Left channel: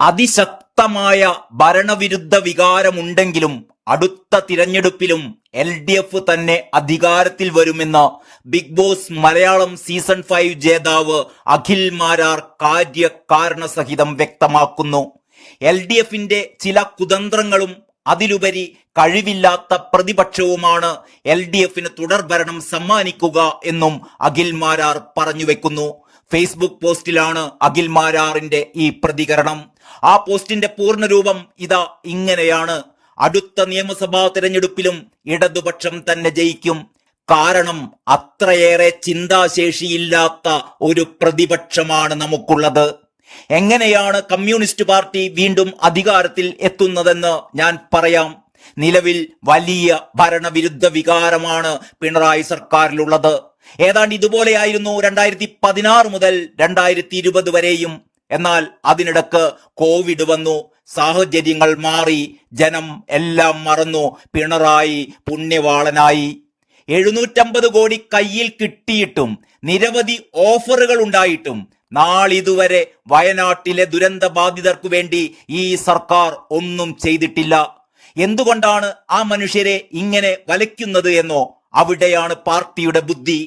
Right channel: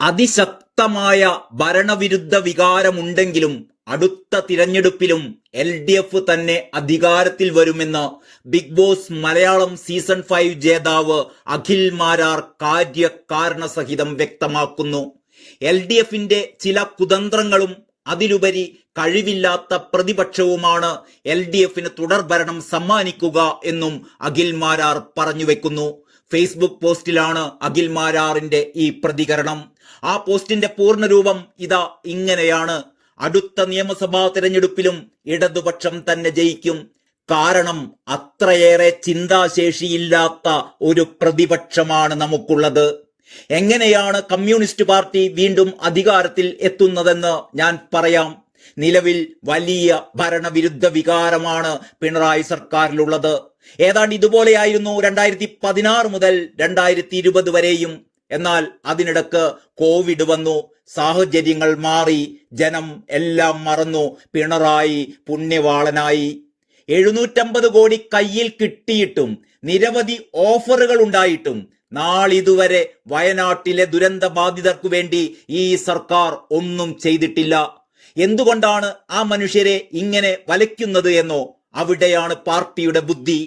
അതിശക്തമായ ഭരണവിരുദ്ധ വികാരമുണ്ടെങ്കിലും അടുത്ത തിരഞ്ഞെടുപ്പിലും LDF തന്നെ അധികാരത്തിൽ വരുമെന്ന് ബിഗ് ബോസ് മലയാളം സീസൺ 5 ജേതാവ് അഖിൽ മാരാർ കാര്യകാരണസഹിതം വ്യക്തമാക്കുന്നു. LDFന്റെ ചില കുതന്ത്രങ്ങളും അതിലുപരി കഴിവില്ലാത്ത പ്രതിപക്ഷവുമാണ് LDFന് തുടർഭരണം സമ്മാനിക്കുക എന്നും അഖിൽ മാരാർ പറഞ്ഞുവെക്കുന്നു. ഫേസ്ബുക്ക് പോസ്റ്റിലാണ് അഖിൽ മാരാറിന്റെ ഈ പ്രതികരണം. ആ പോസ്റ്റിന്റെ പൂർണ്ണരൂപം ഇതാ ഇങ്ങനെയാണ്: അടുത്ത നിയമസഭാ തിരഞ്ഞെടുപ്പിലും ഇടതുപക്ഷം തന്നെ ജയിക്കും. കാരണം അത്രയേറെ ചിന്താശേഷിയില്ലാത്ത ഒരു പ്രതിപക്ഷമാണ് നമുക്കുള്ളത്. എങ്ങനെയാണ് കമ്മ്യൂണിസ്റ്റ് പാർട്ടി വീണ്ടും അധികാരത്തിൽ എത്തുന്നതെന്ന് ഞാൻ പറയാം. നിലവിൽ വലിയ ഭരണവിരുദ്ധ വികാരമാണ് പിണറായി സർക്കാരിലുള്ളത്. ഏതാണ്ട് ഇതുപോലെയായിരുന്നു 2016 മുതൽ 2020 വരെയും. എന്നാൽ അതിനിടക്ക് കോവിഡ് വന്നു, സാഹചര്യങ്ങൾ മാറി, ജനം എല്ലാം മറന്നു, പിണറായി പുണ്യവാളനായി. 750 കോടി കയ്യിൽ കിട്ടിയിട്ടും നിരവധി ഓഫറുകൾ ഉണ്ടായിട്ടും നാളിതുവരെ വയനാട്ടിലെ ദുരന്ത ബാധിതർക്കു വേണ്ടി ഈ സർക്കാർ ഒന്നും ചെയ്തിട്ടില്ല. എന്തുകൊണ്ടാണ് ആ മനുഷ്യരെ ഇങ്ങനെ വലയ്ക്കുന്നത് എന്നോ? അവിടെയാണ് പാർട്ടിയുടെ ബുദ്ധി.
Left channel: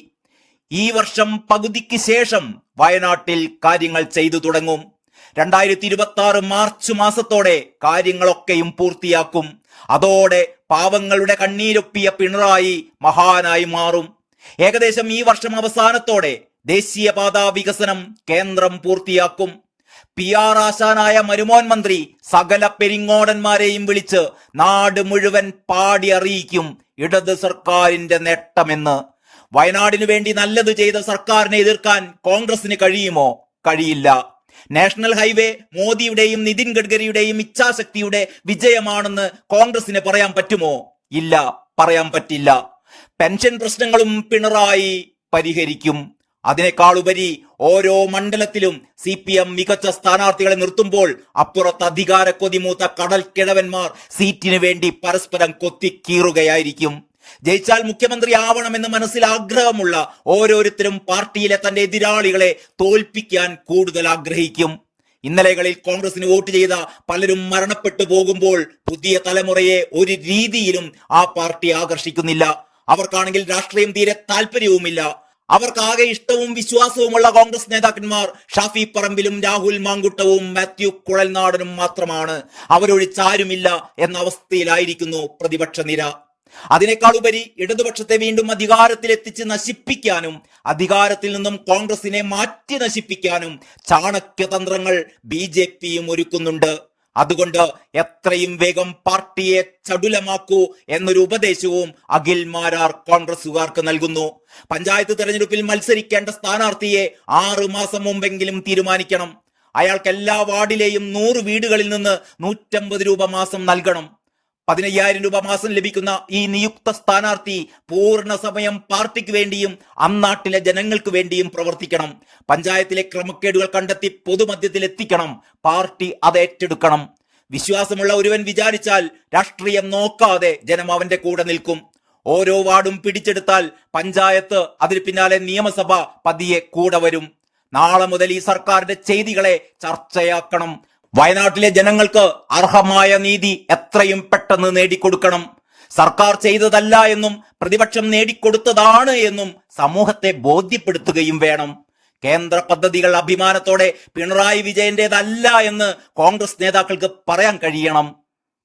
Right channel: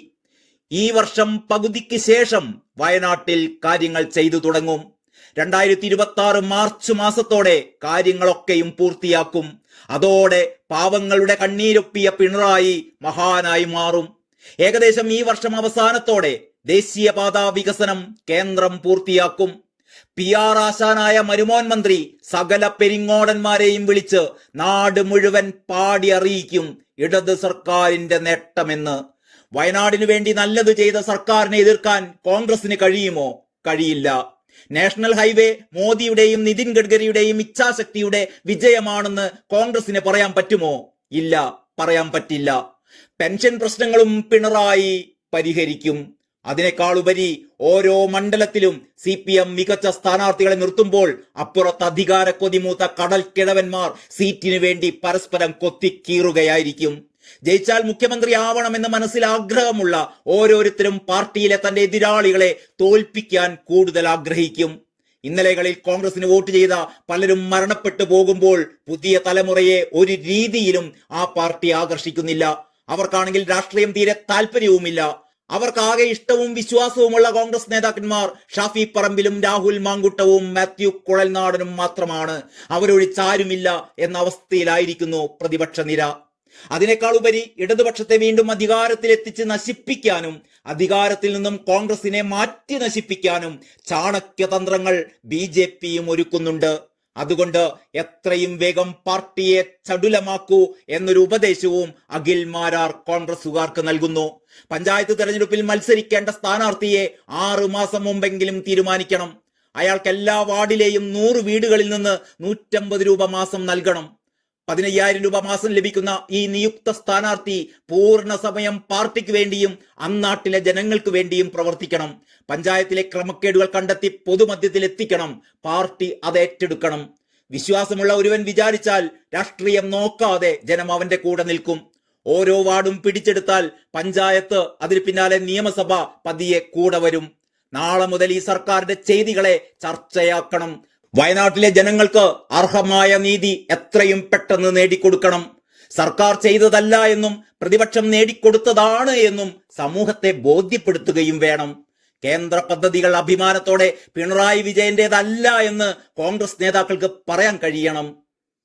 ഈ വർഷം പകുതിക്ക് ശേഷം വയനാട്ടിൽ കാര്യങ്ങൾ ചെയ്തു തുടങ്ങും. 2026 മാർച്ച് മാസത്തോടെ കാര്യങ്ങളൊക്കെയും പൂർത്തിയാക്കും. അതോടെ പാവങ്ങളുടെ കണ്ണീരൊപ്പിയ പിണറായി മഹാനായി മാറും. ഏകദേശം ഈ വർഷം അവസാനത്തോടെ ദേശീയപാത വികസനം കേന്ദ്രം പൂർത്തിയാക്കും. PR ആശാനായ മരുമോൻ മന്ത്രി സകല പെരിങ്ങോടന്മാരെയും വിളിച്ച് നാട് മുഴുവൻ പാടി അറിയിക്കും ഇടത് സർക്കാരിന്റെ നേട്ടമെന്ന്. വയനാടിനു വേണ്ടി നല്ലത് ചെയ്ത സർക്കാരിനെ എതിർക്കാൻ കോൺഗ്രസിന് കഴിയുമോ? കഴിയില്ല. നാഷണൽ ഹൈവേ മോദിയുടെയും നിതിൻ ഗഡ്കരിയുടെയും ഇച്ഛാശക്തിയുടെ വിജയമാണെന്ന് കോൺഗ്രസിന് പറയാൻ പറ്റുമോ? ഇല്ല, പറയാൻ പറ്റില്ല. പെൻഷൻ പ്രശ്നങ്ങളും പിണറായി പരിഹരിക്കും. അതിനേക്കാളുപരി ഓരോ മണ്ഡലത്തിലും CPM മികച്ച സ്ഥാനാർത്ഥികളെ നിർത്തുമ്പോൾ അപ്പുറത്ത് അധികാര കൊതിമൂത്ത കടൽ കിഴവന്മാർ സീറ്റിനു വേണ്ടി പരസ്പരം കൊത്തിക്കീറുകയായിരിക്കും. ജയിച്ചാൽ മുഖ്യമന്ത്രി ആവണമെന്ന് മനസ്സിൽ ആഗ്രഹമുള്ള ഓരോരുത്തരും പാർട്ടിയിലെ തന്റെ എതിരാളികളെ തോൽപ്പിക്കാൻ കൂടുതൽ ആഗ്രഹിക്കും. ഇന്നലകളിൽ കോൺഗ്രസിന് വോട്ട് ചെയ്ത പലരും മരണപ്പെട്ടു പോകുമ്പോൾ പുതിയ തലമുറയെ ഒരു രീതിയിലും ആ പാർട്ടി ആകർഷിക്കുന്നില്ല. അവർക്കാണെങ്കിൽ രാഷ്ട്രീയം തീരെ താല്പര്യവുമില്ല. അവർക്കാകെ ഇഷ്ടവും വിശ്വാസവുമുള്ള കോൺഗ്രസ് നേതാക്കന്മാർ ഷാഫി പറമ്പിലും രാഹുൽ മാങ്കുട്ടവും മാത്യു കുഴൽനാടനും മാത്രമാണ്. അവരൊഴിച്ചാരുമില്ല എന്ന അവസ്ഥയിലായിരിക്കുന്നു പ്രതിപക്ഷ നിര. അതിനേക്കാളുപരി ഇടതുപക്ഷത്തെ വീണ്ടും അധികാരത്തിലെത്തിച്ച് നശിപ്പിക്കാനും അധികാരത്തിൽ നിന്നും കോൺഗ്രസിനെ മാറ്റി നശിപ്പിക്കാനും ചാണക്യതന്ത്രങ്ങൾ BJPയും ഒരുക്കുന്നുണ്ട്. അതുകൊണ്ട് എത്രയും വേഗം പാർട്ടിയെ ചടുലമാക്കൂ എന്നൊരു ഉപദേശവും അഖിൽ മാരാർ കോൺഗ്രസുകാർക്ക് നൽകുന്നു. പഞ്ചായത്ത് തെരഞ്ഞെടുപ്പിൽ മത്സരിക്കേണ്ട സ്ഥാനാർത്ഥിയെ 6 മാസം മുമ്പെങ്കിലും തീരുമാനിക്കണം. അയാൾക്ക് എല്ലാ വാർഡിലെയും 100 വീടുകളിൽ നിന്ന് 150 രൂപ മാസം നൽകണം. 15,000 രൂപ മാസം ലഭിക്കുന്ന ഈ നിയുക്ത സ്ഥാനാർത്ഥി പൂർണ്ണ സമയം പാർട്ടിക്ക് വേണ്ടിയും അന്നാട്ടിലെ ജനങ്ങൾക്ക് വേണ്ടിയും പ്രവർത്തിക്കണം. പഞ്ചായത്തിലെ ക്രമക്കേടുകൾ കണ്ടെത്തി പൊതുമധ്യത്തിൽ എത്തിക്കണം. പാർട്ടി അത് ഏറ്റെടുക്കണം. വിശ്വാസമുള്ള ഒരുവൻ വിചാരിച്ചാൽ രാഷ്ട്രീയം നോക്കാതെ ജനം അവന്റെ കൂടെ നിൽക്കും. ഓരോ വാർഡും പിടിച്ചെടുത്താൽ പഞ്ചായത്ത്, അതിന് പിന്നാലെ നിയമസഭ പതിയെ കൂടെ വരും. നാളെ മുതൽ ഈ സർക്കാരിന്റെ ചെയ്തികളെ ചർച്ചയാക്കണം. വയനാട്ടിലെ ജനങ്ങൾക്ക് അർഹമായ നീതി എത്രയും പെട്ടെന്ന് നേടിക്കൊടുക്കണം. സർക്കാർ ചെയ്തതല്ല എന്നും പ്രതിപക്ഷം നേടിക്കൊടുത്തതാണ് എന്നും സമൂഹത്തെ ബോധ്യപ്പെടുത്തുകയും വേണം. കേന്ദ്ര പദ്ധതികൾ അഭിമാനത്തോടെ പിണറായി വിജയന്റേതല്ല എന്ന് കോൺഗ്രസ് നേതാക്കൾക്ക് പറയാൻ കഴിയണം.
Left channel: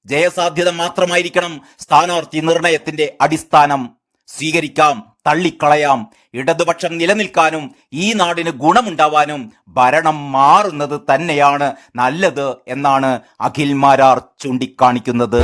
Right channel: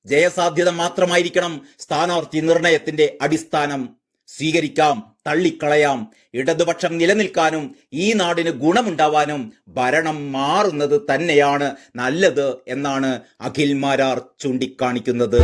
ജയസാധ്യത മാത്രമായിരിക്കണം സ്ഥാനാർത്ഥി നിർണയത്തിന്റെ അടിസ്ഥാനം. സ്വീകരിക്കാം, തള്ളിക്കളയാം. ഇടതുപക്ഷം നിലനിൽക്കാനും ഈ നാടിന് ഗുണമുണ്ടാവാനും ഭരണം മാറുന്നത് തന്നെയാണ് നല്ലത് എന്നാണ് അഖിൽ മാരാർ ചൂണ്ടിക്കാണിക്കുന്നത്.